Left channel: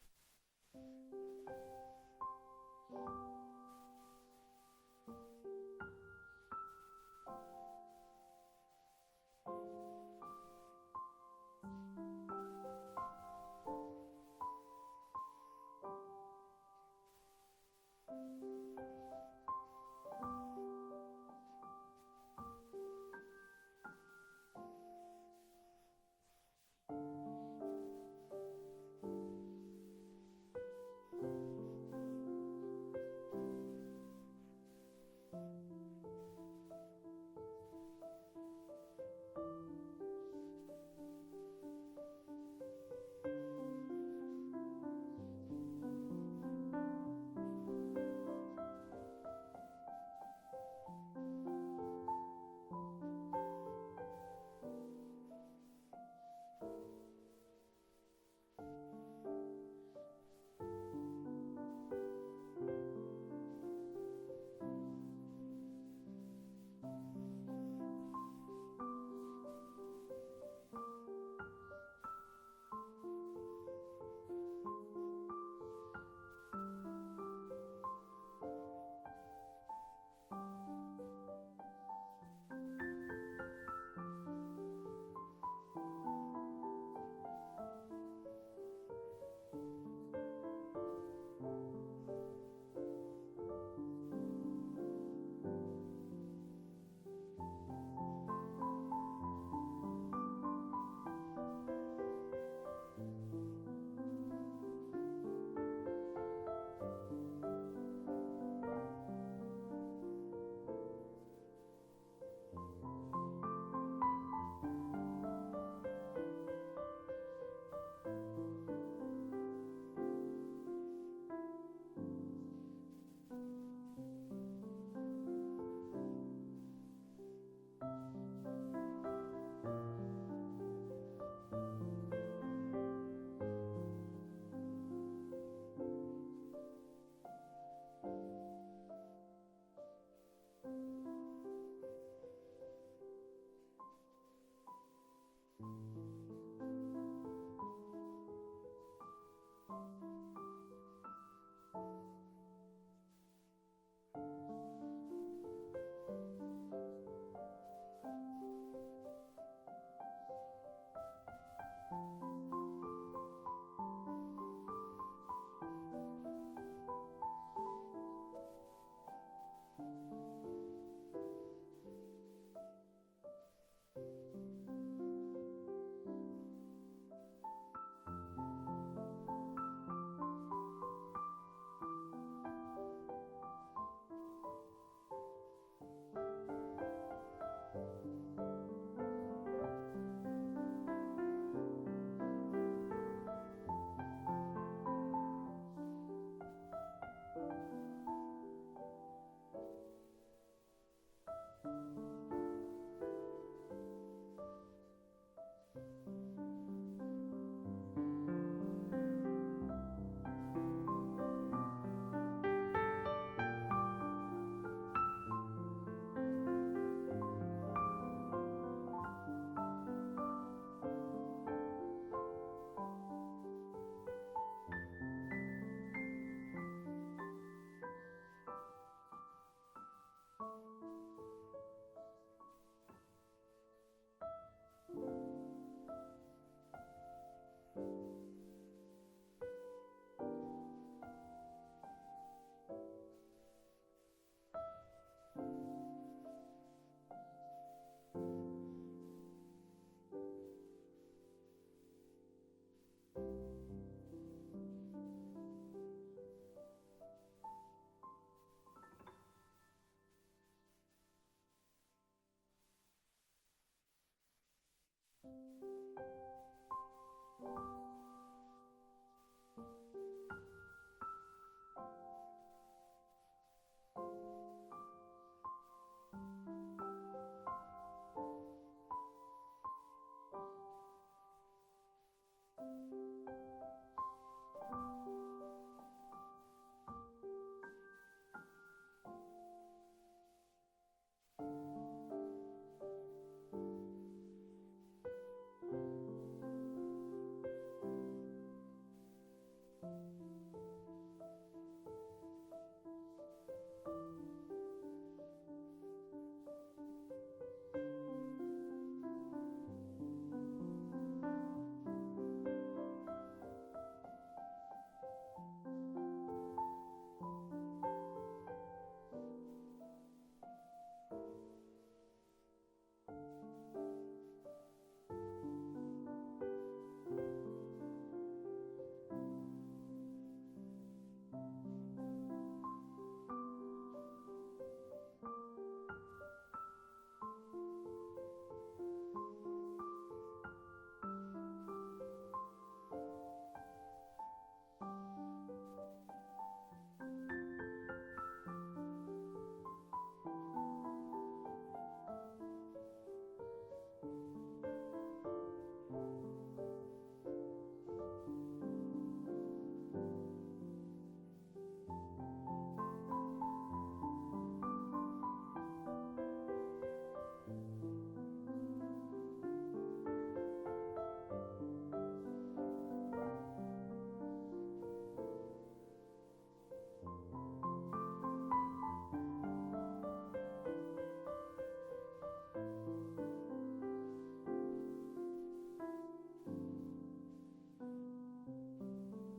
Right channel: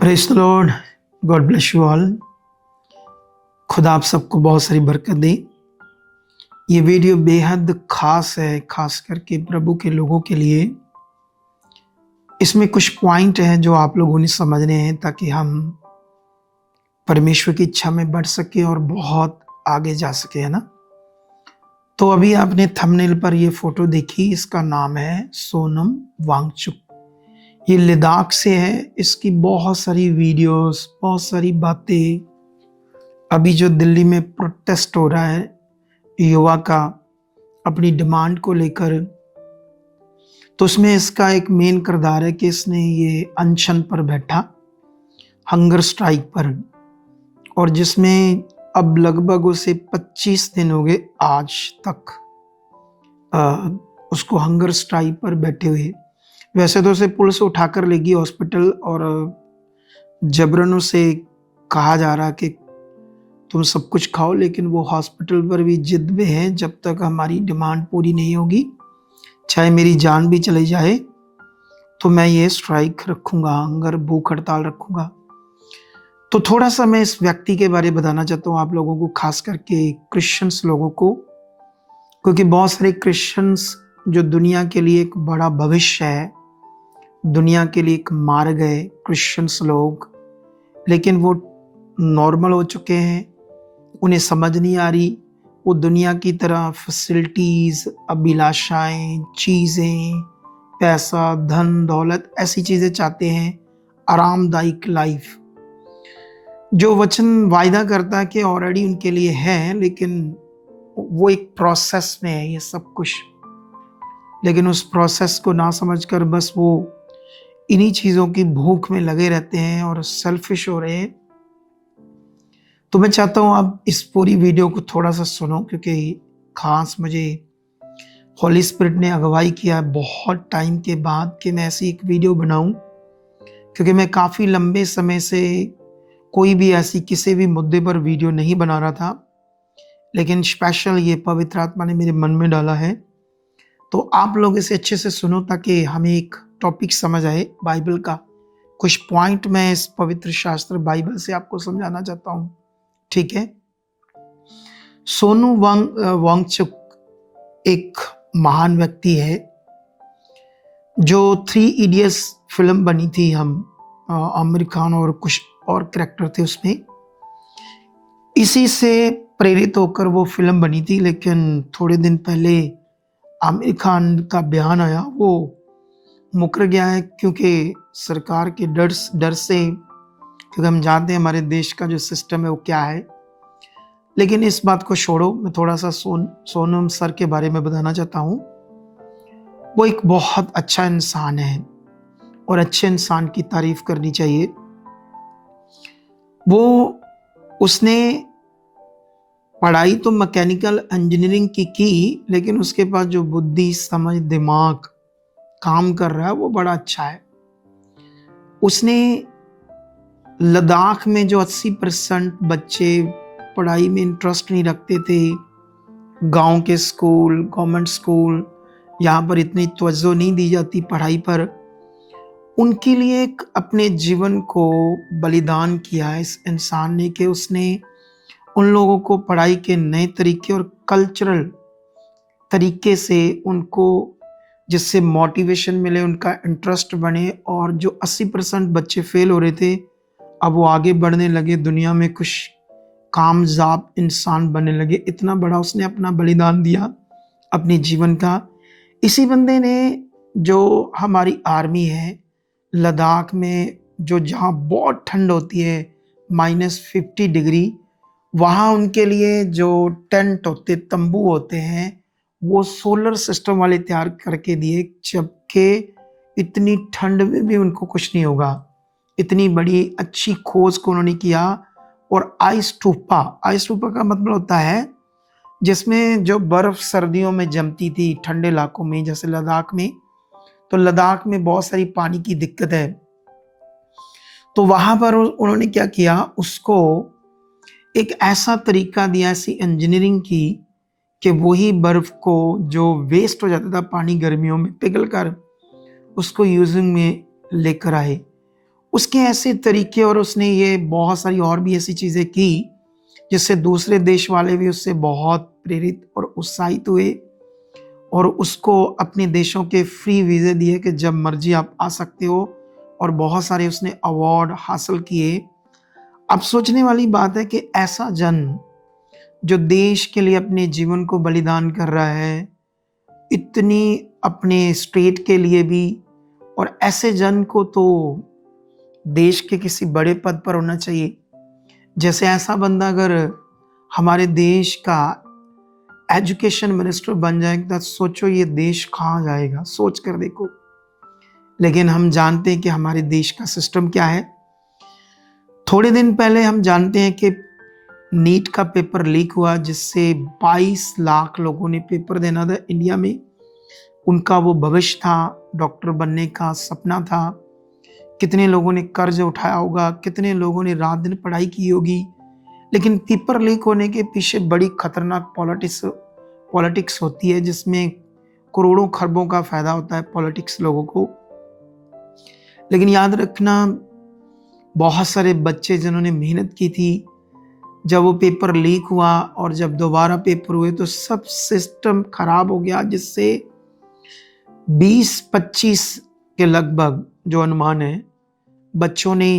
Praise the Lord. God bless you all. खुदा आप सबको बहुत सारी बरकत दे। ये वीडियो बेहद खास है, खास करके प्रभु के लोगों के लिए। इसमें कुछ पॉइंट हैं जो आप लोगों ने समझने हैं ताकि हम परमेश्वर की इच्छा में बढ़ सके और बहुत आगे जा सके, है ना। तो अभी आपने थंबनेल पर ये फोटो देखी, इसका नाम है सोनम वांगचुक। ये लद्दाख से है। इसकी बहुत सारी वीडियोस, बहुत सारी बातें। अभी जो दिल्ली में प्रोटेस्ट हो रहा है युवा का अपनी डिमांड को लेकर, तो उसमें इसका एक मेन किरदार है कि इसने ये अनशन पर बैठा, हंगर स्ट्राइक पर, और जिसमें अब लगभग उसे 25 दिन हो गए आज तक उसको हंगर स्ट्राइक पर बैठे हुए। वैसे तो उसे पुलिस उठाकर ले गई हॉस्पिटल और जबरन उसे कहा जा रहा कि तुम सब कुछ खाओ, लेकिन वो हॉस्पिटल पर भी जिद में है, जब तक हमारी डिमांड पूरी नहीं होगी, चाहे मेरी जान भी चली जाए, तो मैं ये स्ट्राइक रखूंगा, हंगर भूख हड़ताल रखूंगा। तो थोड़ा सा मैं इस व्यक्ति के बारे में बताना चाहता हूँ आप लोगों को, खास करके क्रिश्चियंस लोगों को, क्योंकि बहुत सारे क्रिश्चियंस जो दुनिया के लिए एक बड़ा भविष्य है, दुनिया के लिए एक मार्ग है, क्रिश्चियंस लोग, लेकिन वो नॉर्मल हो चुके हैं, उन्हें समझ नहीं आ रही। वो दुनिया की तरह फैसिलिटीज, अभिलाषाएं, चीजें, पैसा, धन दौलत, ऐसी चीजें चाहते हैं, आरामदायक लाइफ जो वचन वायदा करता है कि ऑलरेडी उनके लिए है, लेकिन वो एक प्रोसेस में है ये सब कुछ। लेकिन उस प्रोसेस को ना समझकर बस वो इन्हीं चीजों की भूख में लगे रहते हैं और सेल्फिश हो रहे हैं। तो मैं चाहता हूं आप इस पूरी वीडियो को थोड़ा सा सुनो, क्योंकि खास मुझे होली स्पिरिट ने अगुवाई किया बहुत टाइम के बाद कि मैं ऐसी एक वीडियो बनाऊं, क्योंकि मैं काफ़ी लंबे समय से कोई भी ऐसी किसी भी मुद्दे पर वीडियो नहीं बना रहा था, लेकिन स्पेशल ये पवित्र आत्मा ने मेरे मन में डाला है। तो आप लोग इसे अच्छे से सुनो ताकि हमें एक टॉपिक समझ आए बाइबल का। कुछ पॉइंट मैं इस पवित्र शास्त्र बाइबल से आपको समझाना चाहता हूं, ठीक है। सोनू वांगचुक एक महान व्यक्ति है। जो 3 इडियट्स फिल्म बनी थी, हम आमिर खान और कुछ और कैरेक्टर थे उसमें, इसी से प्रेरित होकर वो फिल्म बनी थी। लेकिन थोड़े दिन पहले आमिर खान का बयान आया, वो मुकर गया है, क्योंकि सरकार के डर से, क्योंकि हम जानते हैं हमारे देश का जो सिस्टम है वो क्या है। लेकिन इस बात को छोड़ो, मैं थोड़ा सा सोनम सर के बारे में बताना चाहता हूँ। वो एक बहुत अच्छा इंसान है और अच्छे इंसान की तारीफ करनी चाहिए। उसने पढ़ाई तो मैकेनिकल इंजीनियरिंग की, लेकिन उसके पास जो बुद्धि, समझ, दिमाग काम कर रहा है वो बड़ा अच्छा है। उसने लद्दाख में जो 80% बच्चे पढ़ाई में इंटरेस्ट नहीं रखते थे, गांव के स्कूल, गवर्नमेंट स्कूल, यहाँ पर इतनी तवज्जो नहीं दी जाती पढ़ाई पर, उनके लिए एक अपने जीवन को बलिदान किया है इस इंसान ने, कि उसने उन लोगों को पढ़ाई के नए तरीके और कल्चरल तरीके से उनको, जिससे मोटिवेशन मिले, उनका इंटरेस्ट बने, और जो 80% बच्चे फेल हो रहे थे अब वो आगे बढ़ने लगे, दुनिया में कुछ कामयाब इंसान बनने लगे। इतना बड़ा उसने अपना बलिदान दिया अपने जीवन का। इसी बंदे ने, जो हमारी आर्मी है, लद्दाख में जो जहाँ बहुत ठंड होती है, -50 डिग्री, वहाँ उनके लिए जो टेंट होते, तंबू होते हैं, वो सोलर सिस्टम वाले तैयार करके दिए, जबकि इतनी ठंड में भी उनको कुछ नहीं होगा। इतनी बड़ी अच्छी खोज को उन्होंने किया। और आइस टूपा का मतलब होता है जिसमें जो बर्फ सर्दियों में जमती थी ठंडे इलाकों में, जैसे लद्दाख में, तो लद्दाख में बहुत सारी पानी की दिक्कत है। तो वहां पर उन्होंने क्या किया, उसको एक ऐसा तरीका दिया, ऐसी इंजीनियरिंग की कि वही बर्फ को, जो वेस्ट हो जाता था पानी गर्मियों में पिघल कर, उसको यूजिंग में लेकर आए। उसके ऐसे तरीके और उसने ये बहुत सारी और भी ऐसी चीज़ें की जिससे दूसरे देश वाले भी उससे बहुत प्रेरित और उत्साहित हुए और उसको अपने देशों के फ्री वीज़े दिए कि जब मर्जी आप आ सकते हो, और बहुत सारे उसने अवार्ड हासिल किए। अब सोचने वाली बात है कि ऐसा जन जो देश के लिए अपने जीवन को बलिदान कर रहा है, इतनी अपने स्टेट के लिए भी, और ऐसे जन को तो देश के किसी बड़े पद पर होना चाहिए। जैसे ऐसा बंदा अगर हमारे देश का एजुकेशन मिनिस्टर बन जाएगा तो सोचो ये देश कहाँ जाएगा, सोच कर देखो। लेकिन हम जानते हैं कि हमारे देश का सिस्टम क्या है। थोड़े दिन पहले हम जानते हैं कि नीट का पेपर लीक हुआ जिससे 22 लाख लोगों ने पेपर देना था इंडिया में। उनका वो भविष्य था, डॉक्टर बनने का सपना था। कितने लोगों ने कर्ज उठाया होगा, कितने लोगों ने रात दिन पढ़ाई की होगी, लेकिन पेपर लीक होने के पीछे बड़ी खतरनाक पॉलिटिक्स होती है जिसमें करोड़ों खरबों का फायदा होता है पॉलिटिक्स लोगों को। लेकिन याद रखना, बहुत सारे बच्चे जिन्होंने मेहनत की थी, जब वो पेपर लीक हुआ और जब दोबारा पेपर हुए तो सब सिस्टम खराब हो गया, जिससे 20-25 के लगभग जो अनुमान है बच्चों ने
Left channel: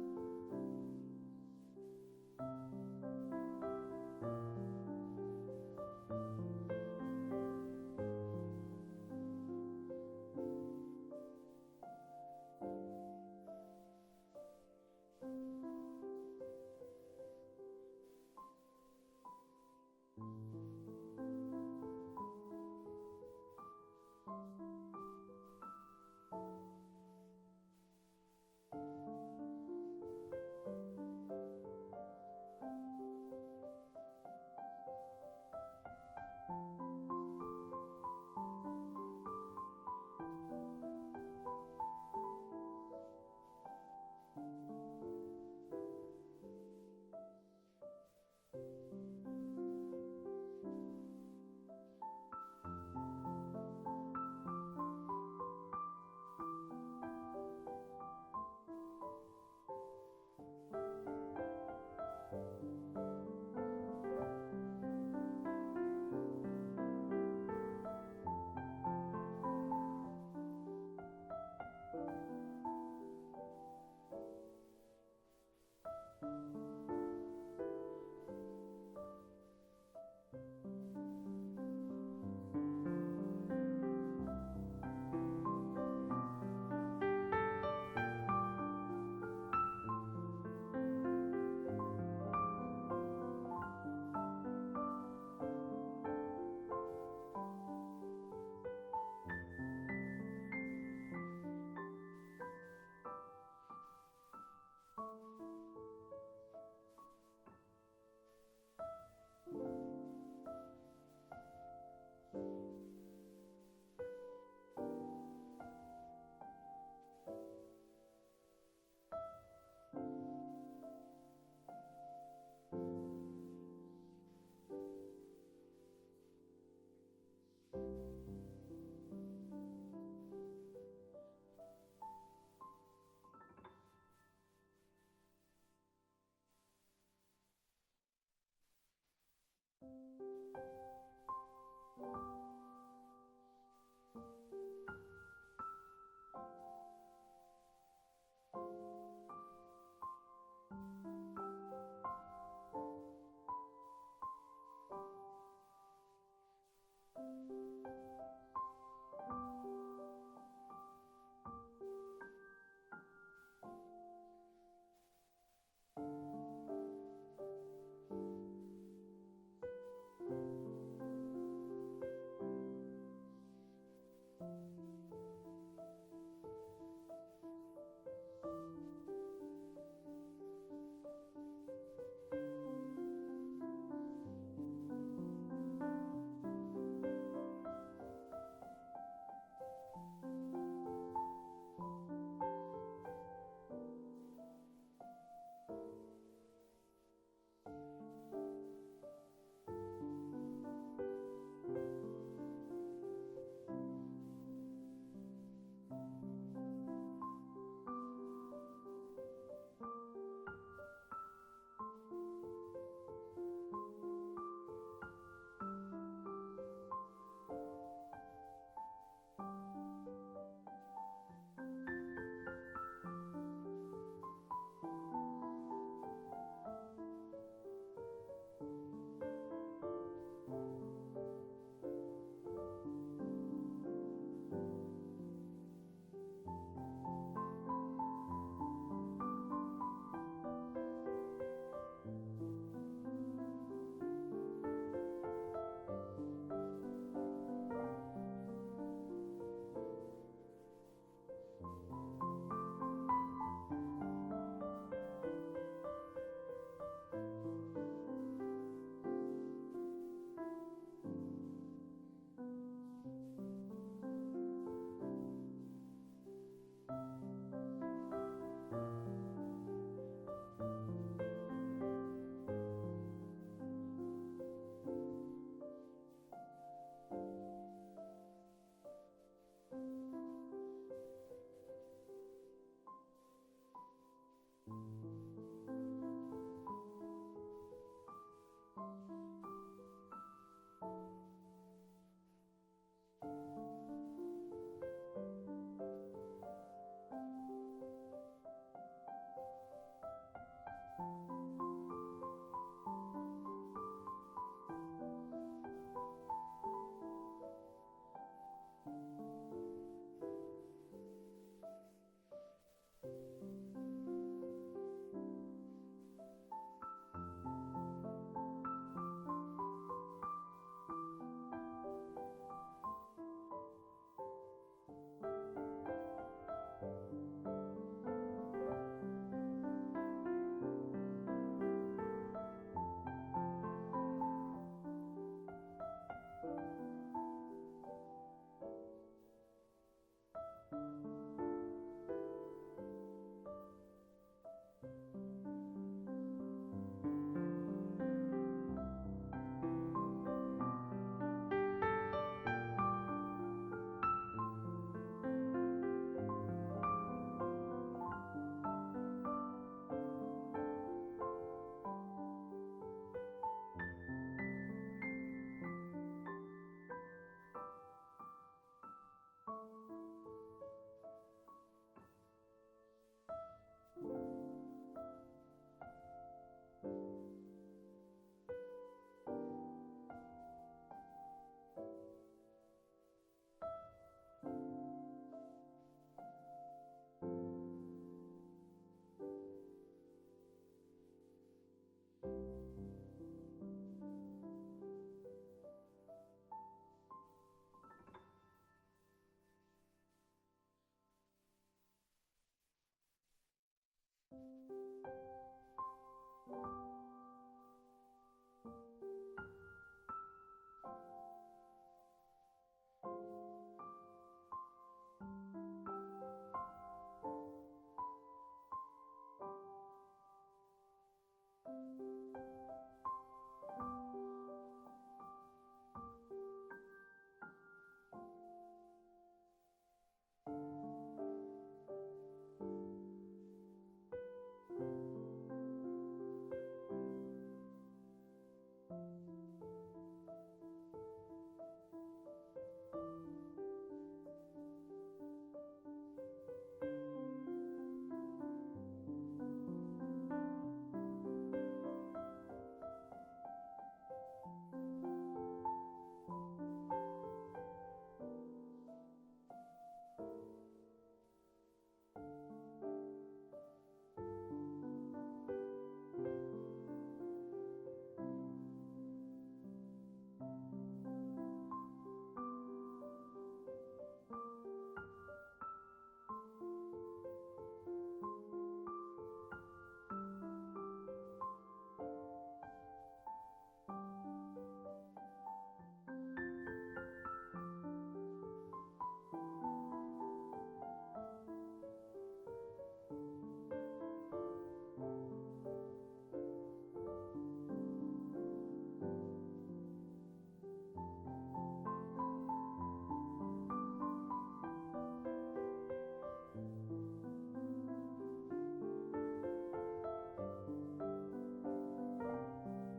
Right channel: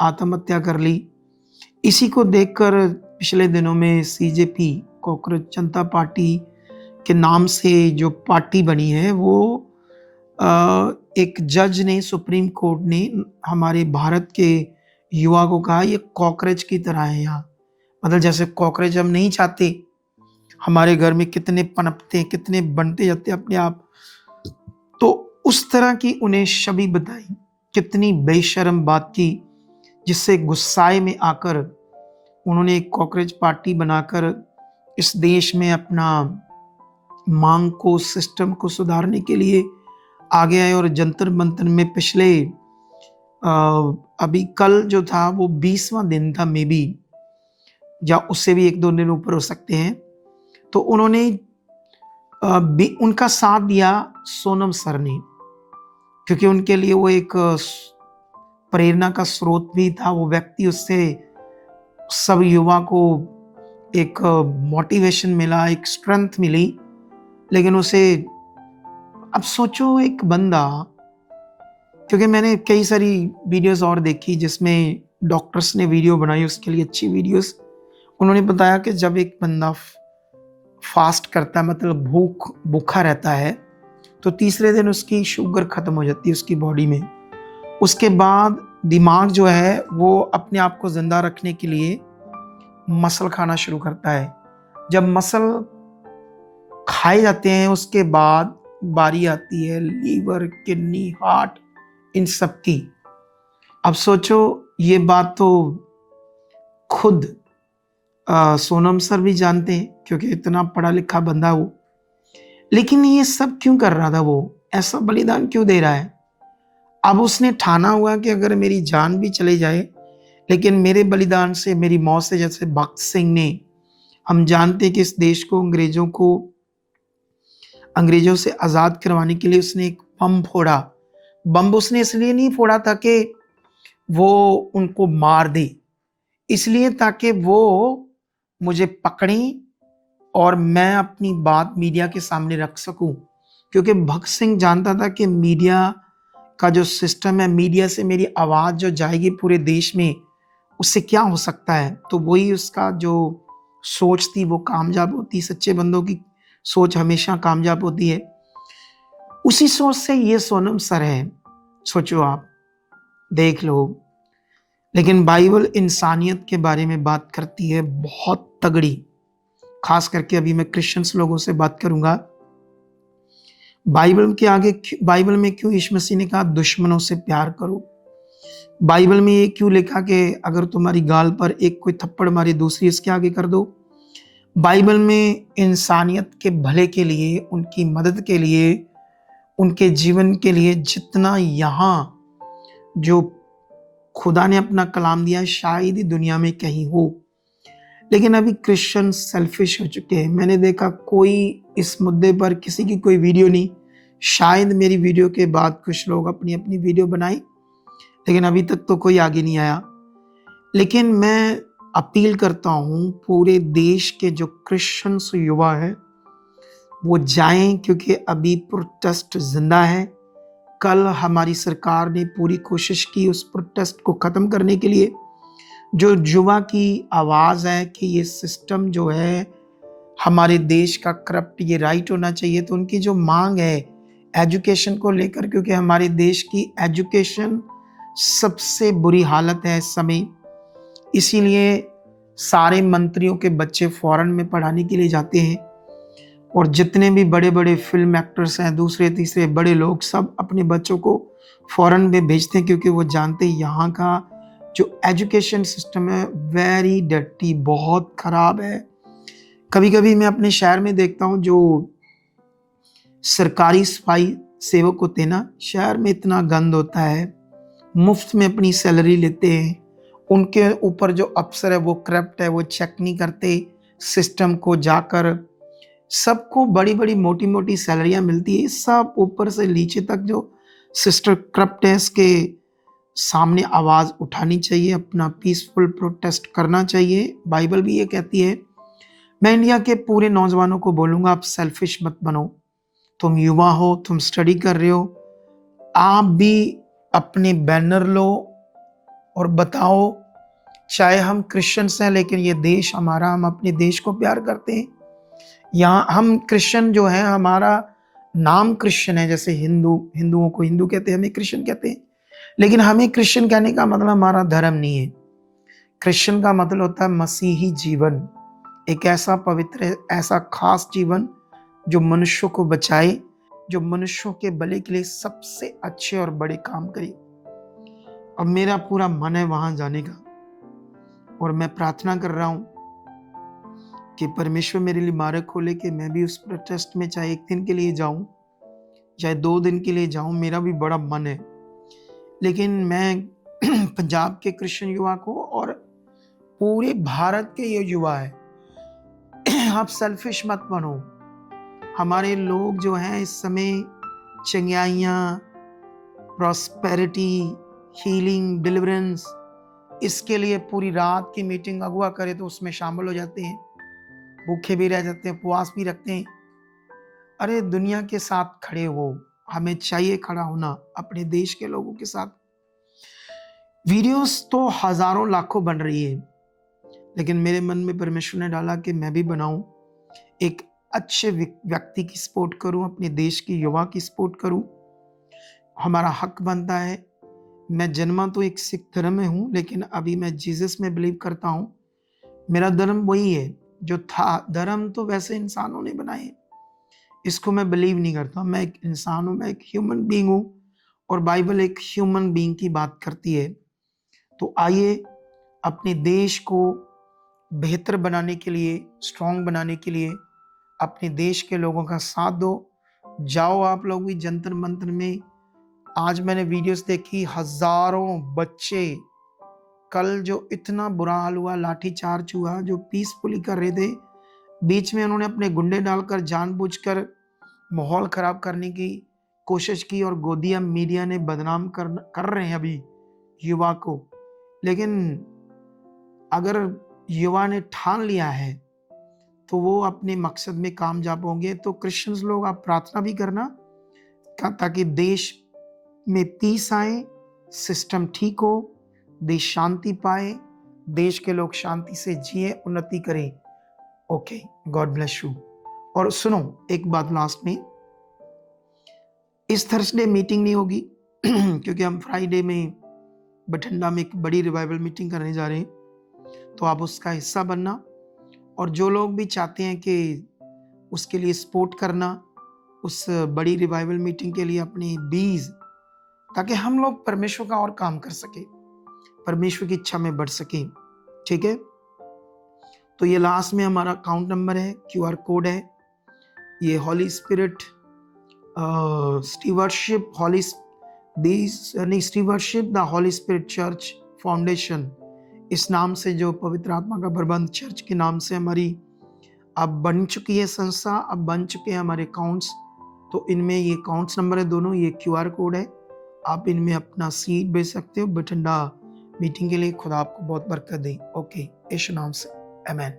आत्महत्या कर ली। इसी को देखकर पिछले दिनों में सीजेपी, कॉकरोच जनता पार्टी के नाम से जो पार्टी बनी है, वो एक जज ने, सुप्रीम कोर्ट ने हमारे भारत के युवा को कहा ये कॉकरोच की तरह है यहाँ। मतलब जैसे कॉकरोच हम नहीं चाहते, हमारे घर में कितने पनपते हैं, कितने बनते जाते हैं अपने आप, तो उस तरह की उन्हें छवि बताई। कितनी बेशर्म बात की, जिससे गुस्साए में आकर उन्होंने एक कॉकरोच पार्टी बनाकर इस देश में अपना मांग को, सिस्टम को सुधारने के लिए आगे आए। और जंतर मंतर में पिछले अभी कल जो था वो 20वां दिन था, मे बी, या उससे भी 1-2 दिन ऊपर हो सकते हैं, तो उन्होंने उनका साथ दिया सोनम सर ने, क्योंकि उनके लिए वो एक प्रेरणा का स्रोत भी था वो व्यक्ति। उससे सब युवा को एक मोटिवेशन मिला, एक स्ट्रेंथ मिली। लेकिन उसे, अब सोचो एक बंदा, क्योंकि मैंने कई सारी वीडियोस और देखी जिसमें डॉक्टर्स ने वीडियो बनाई, उसके लिए अच्छी वीडियोस। उन्होंने बताया कि जब एक बंदा फास्ट करता है, मतलब भूखा रहता है, तो तीसरे दिन उसकी शुगर खत्म हो जाती है उसकी बॉडी में। उसके बाद दिमाग जो है वो अपने आप को जिंदा रखने के लिए मसल खाना शुरू करता है। जब मसल खाए जाते हैं उसके बाद बारी आती है लीवर, किडनी, हार्ट, इन सब की। अब सोचो, ये बात तो खुद सोनम सर भी जानते हैं, क्योंकि इतना पढ़ा लिखा बंदा वो। लेकिन ये सब क्यों कर रहा था, वो ऐसा बलिदान क्यों दे रहा है? अब उसने ठाना हुआ कि अगर मेरी जान भी चले जाए, लेकिन मेरे बलिदान से, मेरी मौत से, जैसे भगत सिंह ने, हम जानते हैं कि इस देश को अंग्रेजों से आज़ाद करवाने के लिए उसने एक बम फोड़ा। बम उसने इसलिए नहीं फोड़ा था कि वो उनको मार दे, इसलिए ताकि वो मुझे पकड़ें और मैं अपनी बात मीडिया के सामने रख सकूं। क्योंकि भगत सिंह जानता था कि मीडिया का जो सिस्टम है, मीडिया से मेरी आवाज़ जो जाएगी पूरे देश में, उससे क्या हो सकता है। तो वही उसका जो सोच थी वो कामयाब होती। सच्चे बंदों की सोच हमेशा कामयाब होती है। उसी सोच से ये सोनम सर है, सोचो आप, देख लो। लेकिन बाइबल इंसानियत के बारे में बात करती है बहुत तगड़ी। खास करके अभी मैं क्रिश्चियंस लोगों से बात करूंगा। बाइबल में क्यों यीशु मसीह ने कहा दुश्मनों से प्यार करो? बाइबल में ये क्यों लिखा कि अगर तुम्हारी गाल पर एक कोई थप्पड़ मारे, दूसरी इसके आगे कर दो? बाइबल में इंसानियत के भले के लिए, उनकी मदद के लिए, उनके जीवन के लिए जितना यहाँ जो खुदा ने अपना कलाम दिया है, शायद ही दुनिया में कहीं हो। लेकिन अभी क्रिश्चियन सेल्फिश हो चुके हैं। मैंने देखा कोई इस मुद्दे पर किसी की कोई वीडियो नहीं। शायद मेरी वीडियो के बाद कुछ लोग अपनी अपनी वीडियो बनाए, लेकिन अभी तक तो कोई आगे नहीं आया। लेकिन मैं अपील करता हूँ पूरे देश के जो क्रिश्चियंस युवा हैं वो जाएं, क्योंकि अभी प्रोटेस्ट जिंदा है। कल हमारी सरकार ने पूरी कोशिश की उस प्रोटेस्ट को ख़त्म करने के लिए। जो युवा की आवाज़ है कि ये सिस्टम जो है हमारे देश का करप्ट, ये राइट होना चाहिए, तो उनकी जो मांग है एजुकेशन को लेकर, क्योंकि हमारे देश की एजुकेशन सबसे बुरी हालत है इस समय। इसीलिए सारे मंत्रियों के बच्चे फॉरेन में पढ़ाने के लिए जाते हैं, और जितने भी बड़े बड़े फिल्म एक्टर्स हैं, दूसरे तीसरे बड़े लोग, सब अपने बच्चों को फॉरेन में भेजते हैं, क्योंकि वो जानते हैं यहाँ का जो एजुकेशन सिस्टम है वेरी डर्टी, बहुत ख़राब है। कभी कभी मैं अपने शहर में देखता हूँ जो सरकारी सफाई सेवक होते हैं ना, शहर में इतना गंद होता है, मुफ्त में अपनी सैलरी लेते हैं। उनके ऊपर जो अफसर है वो करप्ट है, वो चेक नहीं करते सिस्टम को जाकर। सबको बड़ी बड़ी मोटी मोटी सैलरियां मिलती है, सब ऊपर से नीचे तक जो सिस्टर करप्ट है, इसके सामने आवाज़ उठानी चाहिए, अपना पीसफुल प्रोटेस्ट करना चाहिए। बाइबल भी ये कहती है। मैं इंडिया के पूरे नौजवानों को बोलूँगा, आप सेल्फिश मत बनो। तुम युवा हो, तुम स्टडी कर रहे हो, आप भी अपने बैनर लो और बताओ, चाहे हम क्रिश्चियंस हैं लेकिन ये देश हमारा, हम अपने देश को प्यार करते हैं। यहाँ हम क्रिश्चियन जो है, हमारा नाम क्रिश्चियन है, जैसे हिंदुओं को हिंदू कहते हैं, हमें क्रिश्चियन कहते हैं। लेकिन हमें क्रिश्चियन कहने का मतलब हमारा धर्म नहीं है। क्रिश्चियन का मतलब होता है मसीही जीवन, एक ऐसा पवित्र, ऐसा खास जीवन जो मनुष्यों को बचाए, जो मनुष्यों के भले के लिए सबसे अच्छे और बड़े काम करे। अब मेरा पूरा मन है वहां जाने का, और मैं प्रार्थना कर रहा हूँ कि परमेश्वर मेरे लिए मार्ग खोले कि मैं भी उस प्रोटेस्ट में चाहे 1 दिन के लिए जाऊं, चाहे 2 दिन के लिए जाऊं, मेरा भी बड़ा मन है। लेकिन मैं पंजाब के क्रिश्चियन युवा को और पूरे भारत के ये युवा है, आप सेल्फिश मत बनो। हमारे लोग जो हैं इस समय चंगाइयाँ, प्रॉस्पेरिटी, हीलिंग, डिलीवरेंस, इसके लिए पूरी रात की मीटिंग अगुवा करे तो उसमें शामिल हो जाते हैं, भूखे भी रह जाते हैं, उपवास भी रखते हैं। अरे दुनिया के साथ खड़े हो, हमें चाहिए खड़ा होना अपने देश के लोगों के साथ। वीडियोस तो हजारों लाखों बन रही है, लेकिन मेरे मन में परमेश्वर ने डाला कि मैं भी बनाऊं, एक अच्छे व्यक्ति की सपोर्ट करूं, अपने देश की युवा की सपोर्ट करूं। हमारा हक बनता है। मैं जन्मा तो एक सिख धर्म में हूं, लेकिन अभी मैं जीसस में बिलीव करता हूं। मेरा धर्म वही है जो था। धर्म तो वैसे इंसानों ने बनाए, इसको मैं बिलीव नहीं करता। मैं एक इंसान हूं, मैं एक ह्यूमन बीइंग हूं, और बाइबल एक ह्यूमन बीइंग की बात करती है। तो आइए अपने देश को बेहतर बनाने के लिए, स्ट्रांग बनाने के लिए अपने देश के लोगों का साथ दो। जाओ आप लोग भी जंतर मंतर में। आज मैंने वीडियोस देखी, हजारों बच्चे, कल जो इतना बुरा हाल हुआ, लाठी चार्ज हुआ, जो पीसफुली कर रहे थे, बीच में उन्होंने अपने गुंडे डालकर जानबूझकर माहौल खराब करने की कोशिश की, और गोदिया मीडिया ने बदनाम कर रहे हैं अभी युवा को। लेकिन अगर युवा ने ठान लिया है तो वो अपने मकसद में कामयाब होंगे। तो क्रिश्चियंस लोग आप प्रार्थना भी करना ताकि देश में पीस आए, सिस्टम ठीक हो, देश शांति पाए, देश के लोग शांति से जिए, उन्नति करें। Okay, God bless you. और सुनो एक बात लास्ट में, इस थर्सडे मीटिंग नहीं होगी क्योंकि हम फ्राइडे में बठिंडा में एक बड़ी रिवाइवल मीटिंग करने जा रहे हैं, तो आप उसका हिस्सा बनना। और जो लोग भी चाहते हैं कि उसके लिए सपोर्ट करना, उस बड़ी रिवाइवल मीटिंग के लिए अपने बीज, ताकि हम लोग परमेश्वर का और काम कर सके, परमेश्वर की इच्छा में बढ़ सके। ठीक है, तो ये लास्ट में हमारा अकाउंट नंबर है, QR कोड है, ये holy spirit stewardship stewardship the holy spirit church foundation, इस नाम से, जो पवित्र आत्मा का प्रबंध चर्च के नाम से हमारी अब बन चुकी है संस्था, अब बन चुके हैं हमारे अकाउंट्स। तो इनमें ये अकाउंट्स नंबर है दोनों, ये QR कोड है। आप इनमें अपना सीड बेच सकते हो। बठिंडा मीटिंग के लिए खुदा आपको बहुत बरकत दे। ओके, यीशु नाम से आमीन।